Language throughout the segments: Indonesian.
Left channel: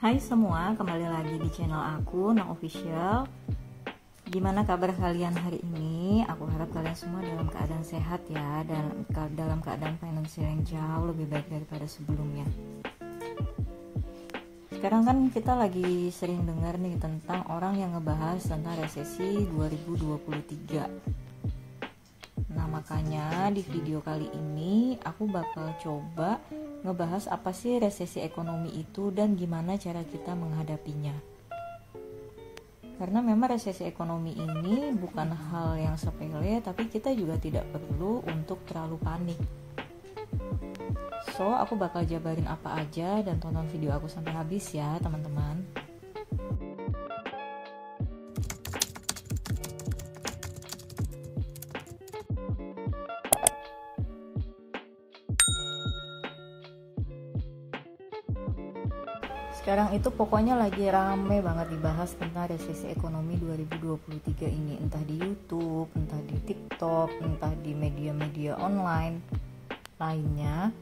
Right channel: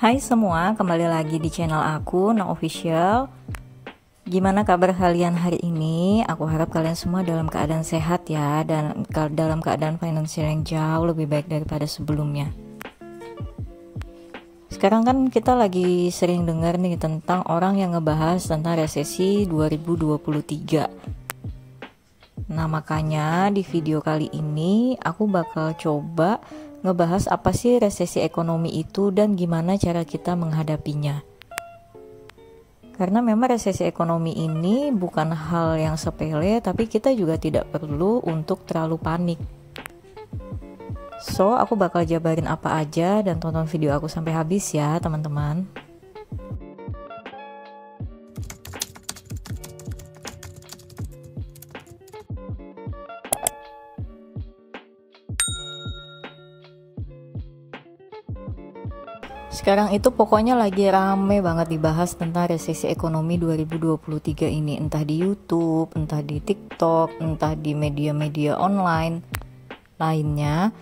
Hai semua, kembali lagi di channel aku, Nang Official. Gimana kabar kalian hari ini? Aku harap kalian semua dalam keadaan sehat ya, dan dalam keadaan finansial yang jauh lebih baik daripada sebelumnya. Sekarang kan kita lagi sering dengar nih tentang orang yang ngebahas tentang resesi 2023. Nah, makanya di video kali ini aku bakal coba ngebahas apa sih resesi ekonomi itu dan gimana cara kita menghadapinya. Karena memang resesi ekonomi ini bukan hal yang sepele, tapi kita juga tidak perlu untuk terlalu panik. So, aku bakal jabarin apa aja dan tonton video aku sampai habis ya, teman-teman. Sekarang itu pokoknya lagi rame banget dibahas tentang resesi ekonomi 2023 ini, entah di YouTube, entah di TikTok, entah di media-media online lainnya.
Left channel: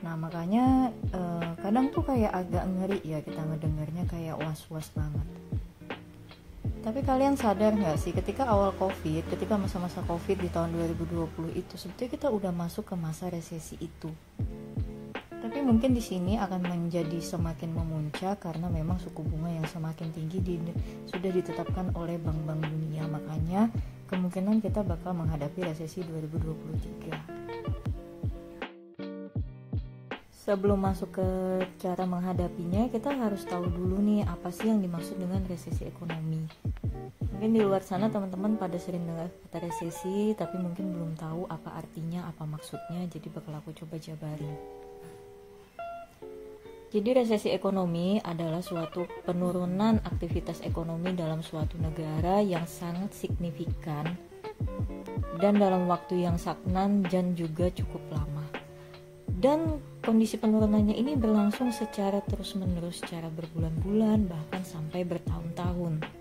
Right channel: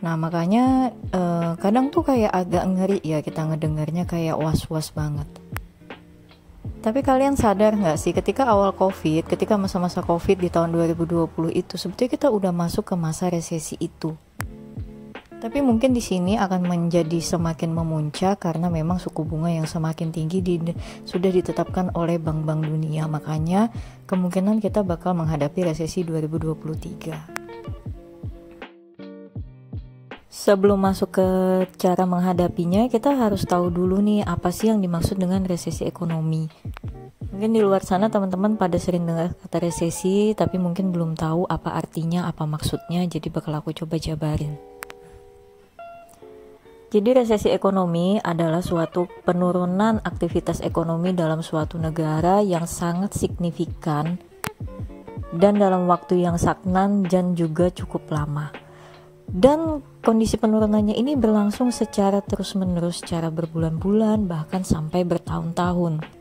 Nah, makanya kadang tuh kayak agak ngeri ya kita ngedengarnya, kayak was-was banget. Tapi kalian sadar gak sih ketika awal COVID, ketika masa-masa COVID di tahun 2020 itu sebetulnya kita udah masuk ke masa resesi itu. Tapi mungkin di sini akan menjadi semakin memuncak karena memang suku bunga yang semakin tinggi sudah ditetapkan oleh bank-bank dunia. Makanya kemungkinan kita bakal menghadapi resesi 2023. Sebelum masuk ke cara menghadapinya, kita harus tahu dulu nih apa sih yang dimaksud dengan resesi ekonomi. Mungkin di luar sana teman-teman pada sering dengar kata resesi, tapi mungkin belum tahu apa artinya, apa maksudnya. Jadi bakal aku coba jabarin. Jadi resesi ekonomi adalah suatu penurunan aktivitas ekonomi dalam suatu negara yang sangat signifikan dan dalam waktu yang stagnan dan juga cukup lama. Dan kondisi penurunannya ini berlangsung secara terus-menerus, secara berbulan-bulan, bahkan sampai bertahun-tahun.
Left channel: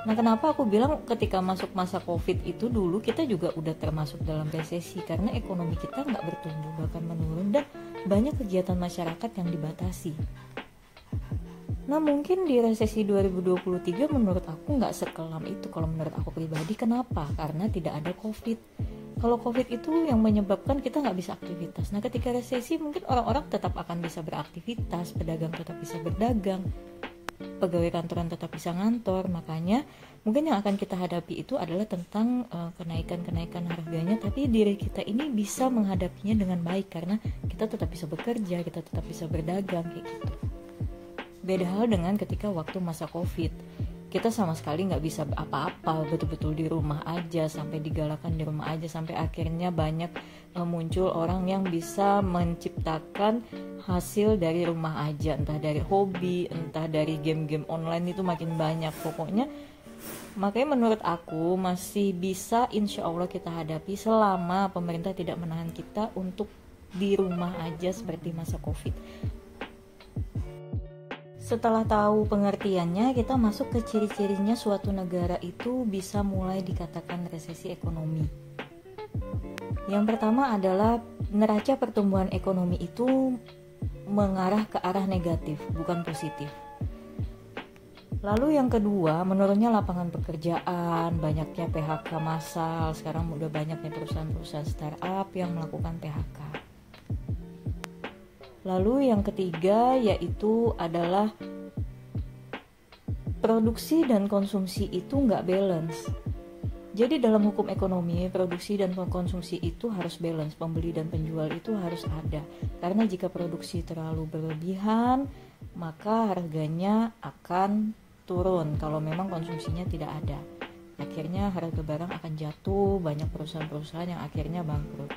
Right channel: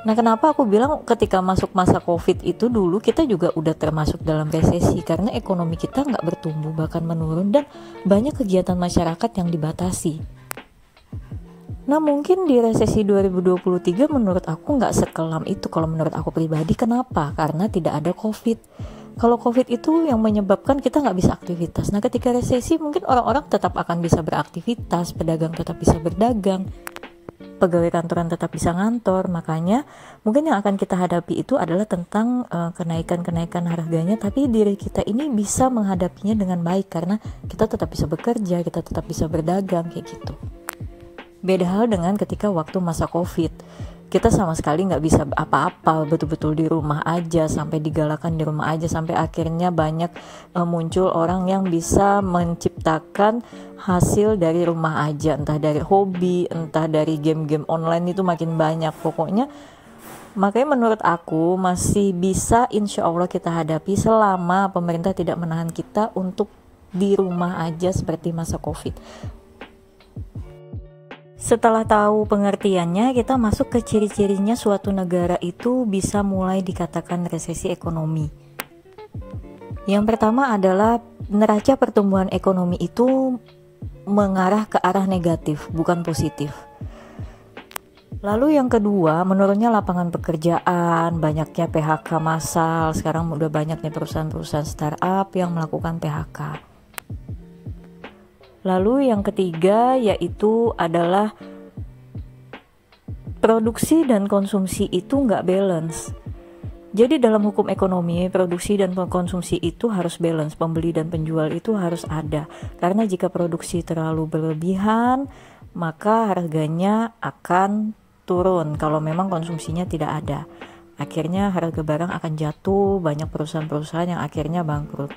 Nah, kenapa aku bilang ketika masuk masa COVID itu dulu kita juga udah termasuk dalam resesi, karena ekonomi kita nggak bertumbuh, bahkan menurun, dan banyak kegiatan masyarakat yang dibatasi. Nah, mungkin di resesi 2023 menurut aku nggak sekelam itu kalau menurut aku pribadi. Kenapa? Karena tidak ada COVID. Kalau COVID itu yang menyebabkan kita nggak bisa aktivitas. Nah, ketika resesi mungkin orang-orang tetap akan bisa beraktivitas, pedagang tetap bisa berdagang, pegawai kantoran tetap bisa ngantor. Makanya mungkin yang akan kita hadapi itu adalah tentang kenaikan-kenaikan harganya, tapi diri kita ini bisa menghadapinya dengan baik karena kita tetap bisa bekerja, kita tetap bisa berdagang, kayak gitu. Beda hal dengan ketika waktu masa COVID, kita sama sekali nggak bisa apa-apa, betul-betul di rumah aja, sampai digalakan di rumah aja, sampai akhirnya banyak muncul orang yang bisa menciptakan hasil dari rumah aja, entah dari hobi, entah dari game-game online, itu makin banyak pokoknya. Makanya menurut aku masih bisa insya Allah kita hadapi selama pemerintah tidak menahan kita untuk di rumah aja seperti masa COVID. Setelah tahu pengertiannya, kita masuk ke ciri-cirinya suatu negara itu bisa mulai dikatakan resesi ekonomi. Yang pertama adalah neraca pertumbuhan ekonomi itu mengarah ke arah negatif, bukan positif. Lalu yang kedua, menurunnya lapangan pekerjaan, banyaknya PHK massal. Sekarang udah banyaknya perusahaan-perusahaan startup yang melakukan PHK. Lalu yang ketiga yaitu adalah produksi dan konsumsi itu nggak balance. Jadi dalam hukum ekonomi, produksi dan konsumsi itu harus balance, pembeli dan penjual itu harus ada. Karena jika produksi terlalu berlebihan, maka harganya akan turun kalau memang konsumsinya tidak ada. Akhirnya harga barang akan jatuh, banyak perusahaan-perusahaan yang akhirnya bangkrut.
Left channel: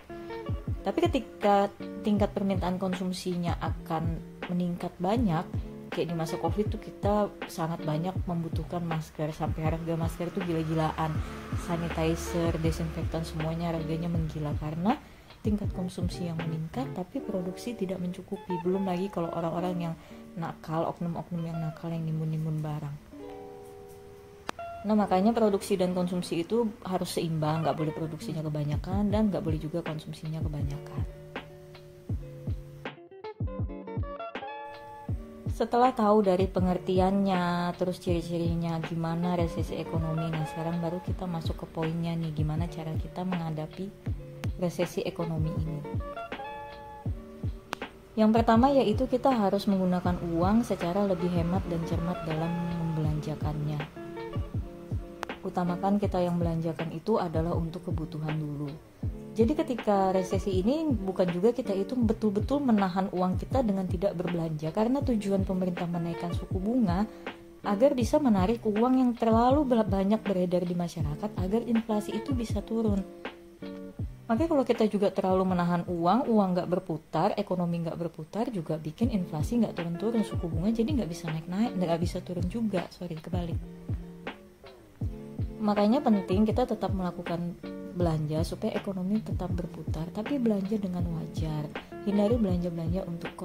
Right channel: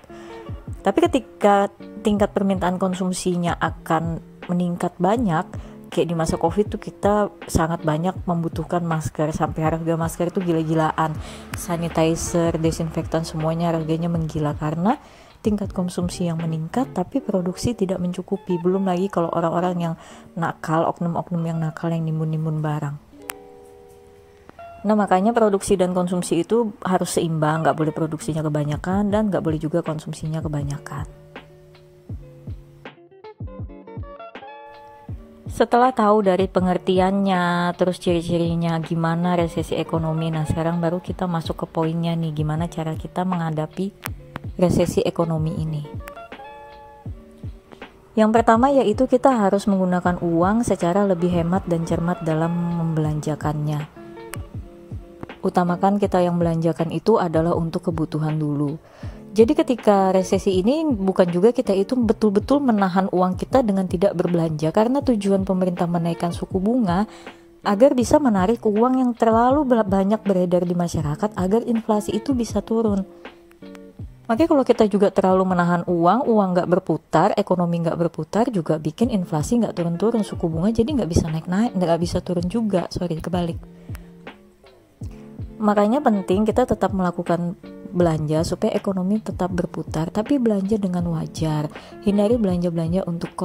Tapi ketika tingkat permintaan konsumsinya akan meningkat banyak, kayak di masa COVID tuh kita sangat banyak membutuhkan masker, sampai harga masker itu gila-gilaan, sanitizer, desinfektan, semuanya harganya menggila karena tingkat konsumsi yang meningkat tapi produksi tidak mencukupi. Belum lagi kalau orang-orang yang nakal, oknum-oknum yang nakal yang nimbun-nimbun barang. Nah, makanya produksi dan konsumsi itu harus seimbang, nggak boleh produksinya kebanyakan dan nggak boleh juga konsumsinya kebanyakan. Setelah tahu dari pengertiannya, terus ciri-cirinya gimana resesi ekonomi, nah sekarang baru kita masuk ke poinnya nih, gimana cara kita menghadapi resesi ekonomi ini. Yang pertama yaitu kita harus menggunakan uang secara lebih hemat dan cermat dalam membelanjakannya. Utamakan kita yang belanjakan itu adalah untuk kebutuhan dulu. Jadi ketika resesi ini bukan juga kita itu betul-betul menahan uang kita dengan tidak berbelanja, karena tujuan pemerintah menaikkan suku bunga agar bisa menarik uang yang terlalu banyak beredar di masyarakat agar inflasi itu bisa turun. Makanya kalau kita juga terlalu menahan uang nggak berputar, ekonomi nggak berputar, juga bikin inflasi nggak turun-turun, suku bunga jadi nggak bisa naik-naik, nggak bisa turun juga, kebalik. Makanya penting kita tetap melakukan belanja supaya ekonomi tetap berputar, tapi belanja dengan wajar. Hindari belanja-belanja untuk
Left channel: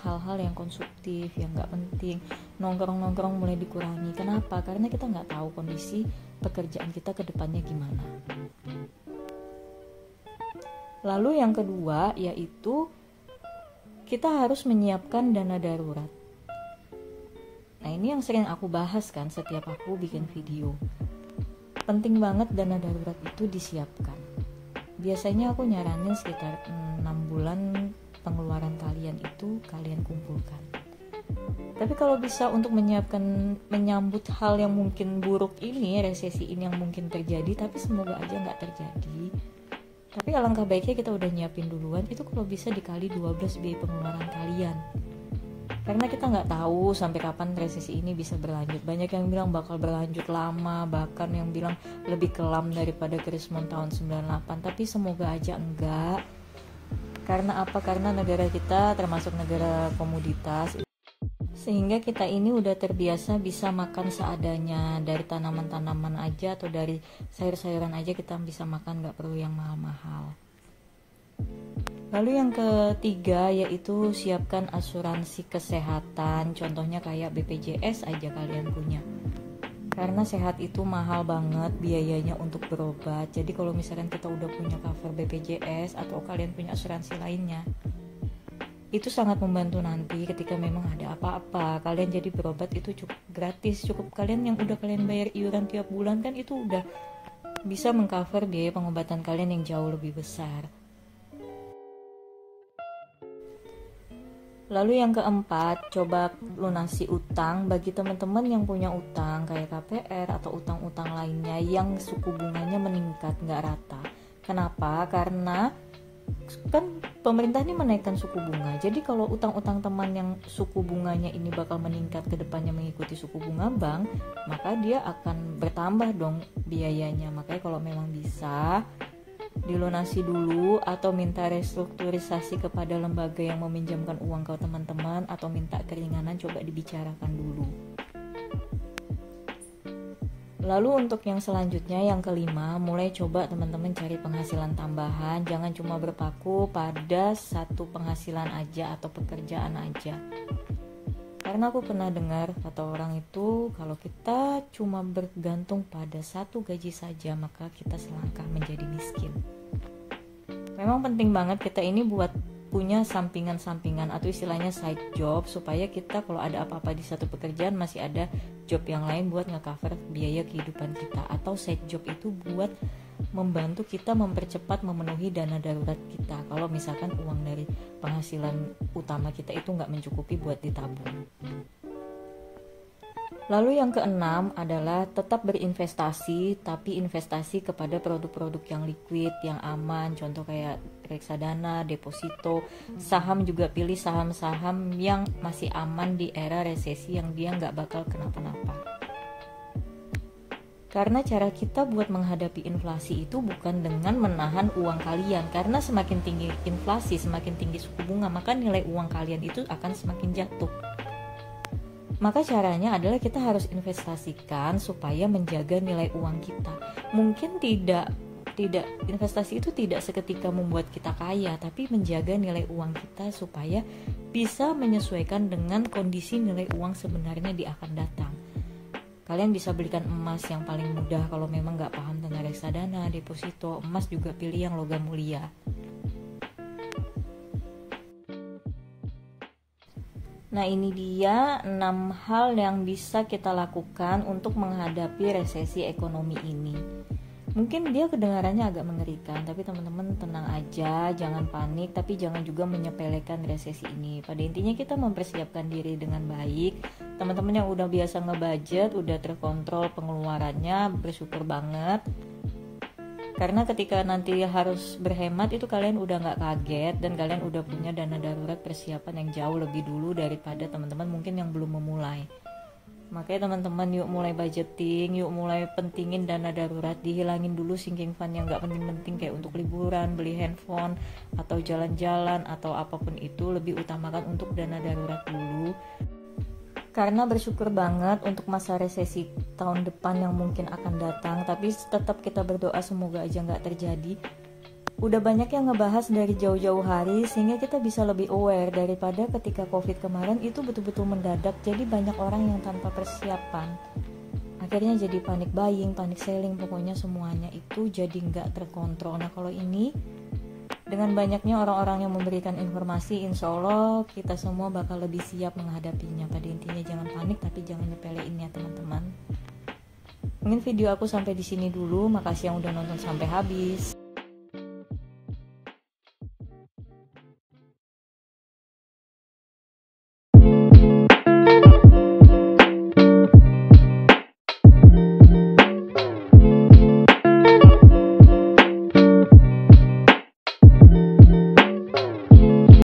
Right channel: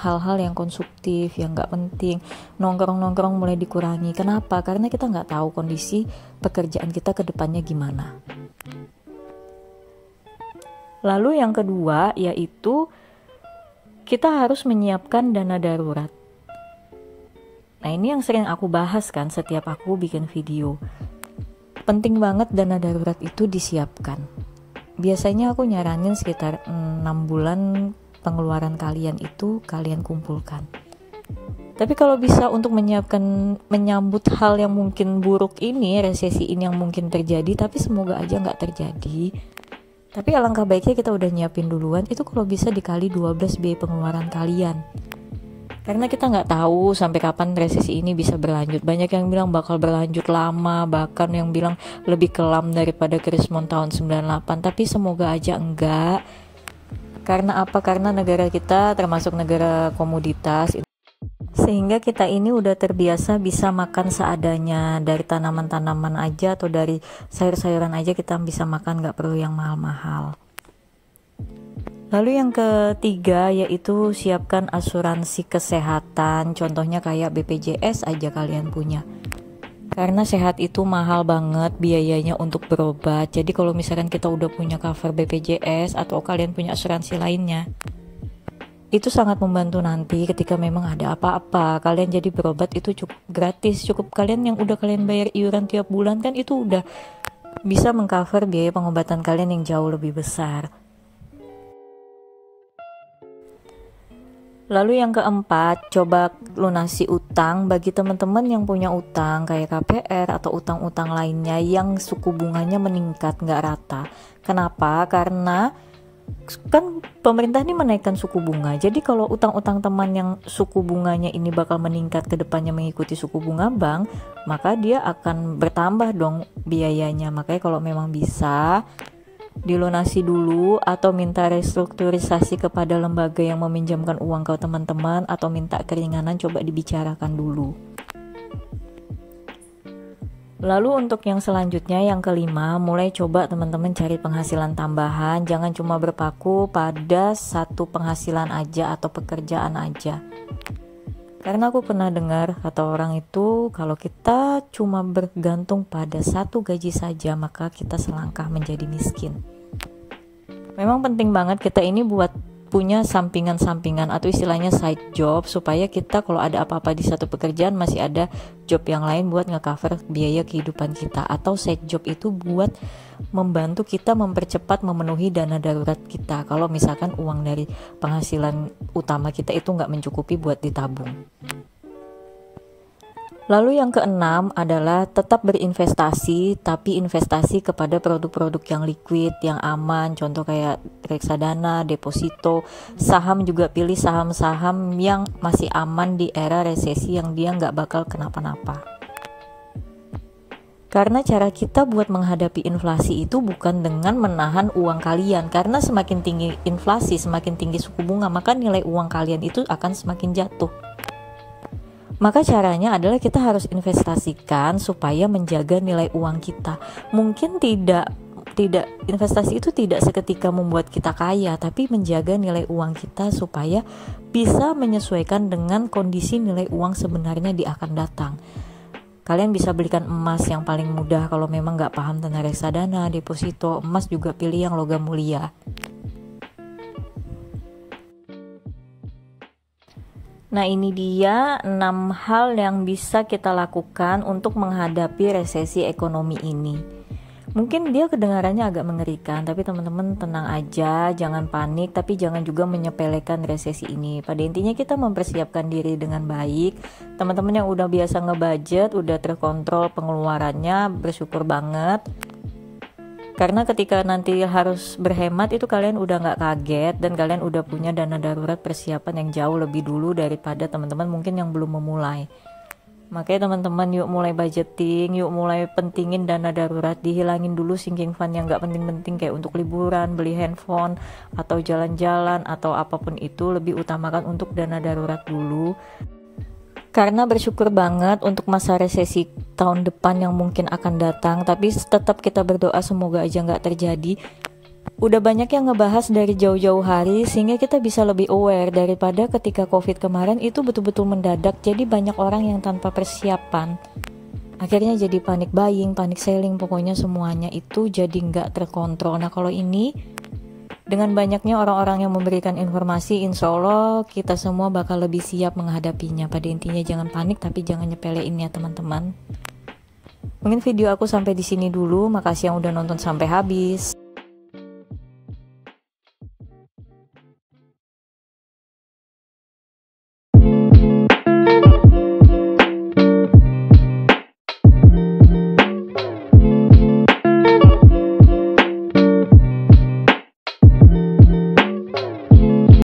hal-hal yang konsumtif, yang nggak penting. Nongkrong-nongkrong mulai dikurangi. Kenapa? Karena kita nggak tahu kondisi pekerjaan kita ke depannya gimana. Lalu yang kedua yaitu kita harus menyiapkan dana darurat. Nah ini yang sering aku bahas kan setiap aku bikin video. Penting banget dana darurat itu disiapkan. Biasanya aku nyaranin sekitar 6 bulan pengeluaran kalian itu kalian kumpulkan. Tapi kalau bisa untuk menyambut hal yang mungkin buruk ini, resesi ini yang mungkin terjadi, tapi semoga aja nggak terjadi. Tapi alangkah baiknya kita udah nyiapin duluan, itu kalau bisa dikali 12 biaya pengeluaran kalian. Karena kita nggak tahu sampai kapan resesi ini bisa berlanjut. Banyak yang bilang bakal berlanjut lama, bahkan yang bilang lebih kelam daripada Krismon tahun 98. Tapi semoga aja enggak. Karena apa? Karena negara kita termasuk negara komoditas, sehingga kita ini udah terbiasa bisa makan seadanya. Dari tanaman-tanaman aja atau dari sayur-sayuran aja kita bisa makan, nggak perlu yang mahal-mahal. Lalu yang ketiga yaitu siapkan asuransi kesehatan, contohnya kayak BPJS aja kalian punya. Karena sehat itu mahal banget biayanya untuk berobat. Jadi kalau misalkan kita udah punya cover BPJS atau kalian punya asuransi lainnya, itu sangat membantu nanti ketika memang ada apa-apa. Kalian jadi berobat itu cukup gratis, cukup kalian yang udah kalian bayar iuran tiap bulan kan itu udah bisa mengcover biaya pengobatan kalian yang jauh lebih besar. Lalu yang keempat, coba lunasi utang. Bagi teman-teman yang punya utang kayak KPR atau utang-utang lainnya yang suku bunganya meningkat nggak rata. Kenapa? Karena kan pemerintah ini menaikkan suku bunga. Jadi kalau utang-utang teman yang suku bunganya ini bakal meningkat ke depannya mengikuti suku bunga bank, maka dia akan bertambah dong biayanya. Makanya kalau memang bisa dilunasi dulu atau minta restrukturisasi kepada lembaga yang meminjamkan uang ke teman-teman atau minta keringanan, coba dibicarakan dulu. Lalu untuk yang selanjutnya, yang kelima, mulai coba teman-teman cari penghasilan tambahan. Jangan cuma berpaku pada satu penghasilan aja atau pekerjaan aja. Karena aku pernah dengar kata orang itu, kalau kita cuma bergantung pada satu gaji saja, maka kita selangkah menjadi miskin. Memang penting banget kita ini buat punya sampingan-sampingan atau istilahnya side job, supaya kita kalau ada apa-apa di satu pekerjaan masih ada job yang lain buat nge-cover biaya kehidupan kita. Atau side job itu buat membantu kita mempercepat memenuhi dana darurat kita kalau misalkan uang dari penghasilan utama kita itu nggak mencukupi buat ditabung. Lalu yang keenam adalah tetap berinvestasi, tapi investasi kepada produk-produk yang liquid, yang aman, contoh kayak reksadana, deposito, saham juga pilih saham-saham yang masih aman di era resesi yang dia nggak bakal kenapa-napa. Karena cara kita buat menghadapi inflasi itu bukan dengan menahan uang kalian, karena semakin tinggi inflasi, semakin tinggi suku bunga, maka nilai uang kalian itu akan semakin jatuh. Maka caranya adalah kita harus investasikan supaya menjaga nilai uang kita. Mungkin tidak investasi itu tidak seketika membuat kita kaya, tapi menjaga nilai uang kita supaya bisa menyesuaikan dengan kondisi nilai uang sebenarnya di akan datang. Kalian bisa belikan emas yang paling mudah kalau memang nggak paham tentang reksadana, deposito. Emas juga pilih yang logam mulia. Nah, ini dia 6 hal yang bisa kita lakukan untuk menghadapi resesi ekonomi ini. Mungkin dia kedengarannya agak mengerikan, tapi teman-teman tenang aja, jangan panik, tapi jangan juga menyepelekan resesi ini. Pada intinya kita mempersiapkan diri dengan baik. Teman-teman yang udah biasa ngebudget, udah terkontrol pengeluarannya, bersyukur banget. Karena ketika nanti harus berhemat itu kalian udah gak kaget dan kalian udah punya dana darurat persiapan yang jauh lebih dulu daripada teman-teman mungkin yang belum memulai. Makanya teman-teman yuk mulai budgeting, yuk mulai pentingin dana darurat, dihilangin dulu sinking fund yang gak penting-penting kayak untuk liburan, beli handphone, atau jalan-jalan, atau apapun itu, lebih utamakan untuk dana darurat dulu. Karena bersyukur banget untuk masa resesi tahun depan yang mungkin akan datang, tapi tetap kita berdoa semoga aja nggak terjadi. Udah banyak yang ngebahas dari jauh-jauh hari sehingga kita bisa lebih aware daripada ketika COVID kemarin itu betul-betul mendadak, jadi banyak orang yang tanpa persiapan. Akhirnya jadi panik buying, panik selling, pokoknya semuanya itu jadi nggak terkontrol. Nah kalau ini dengan banyaknya orang-orang yang memberikan informasi, insya Allah kita semua bakal lebih siap menghadapinya. Pada intinya jangan panik, tapi jangan nyepelein ya teman-teman. Mungkin video aku sampai di sini dulu. Makasih yang udah nonton sampai habis.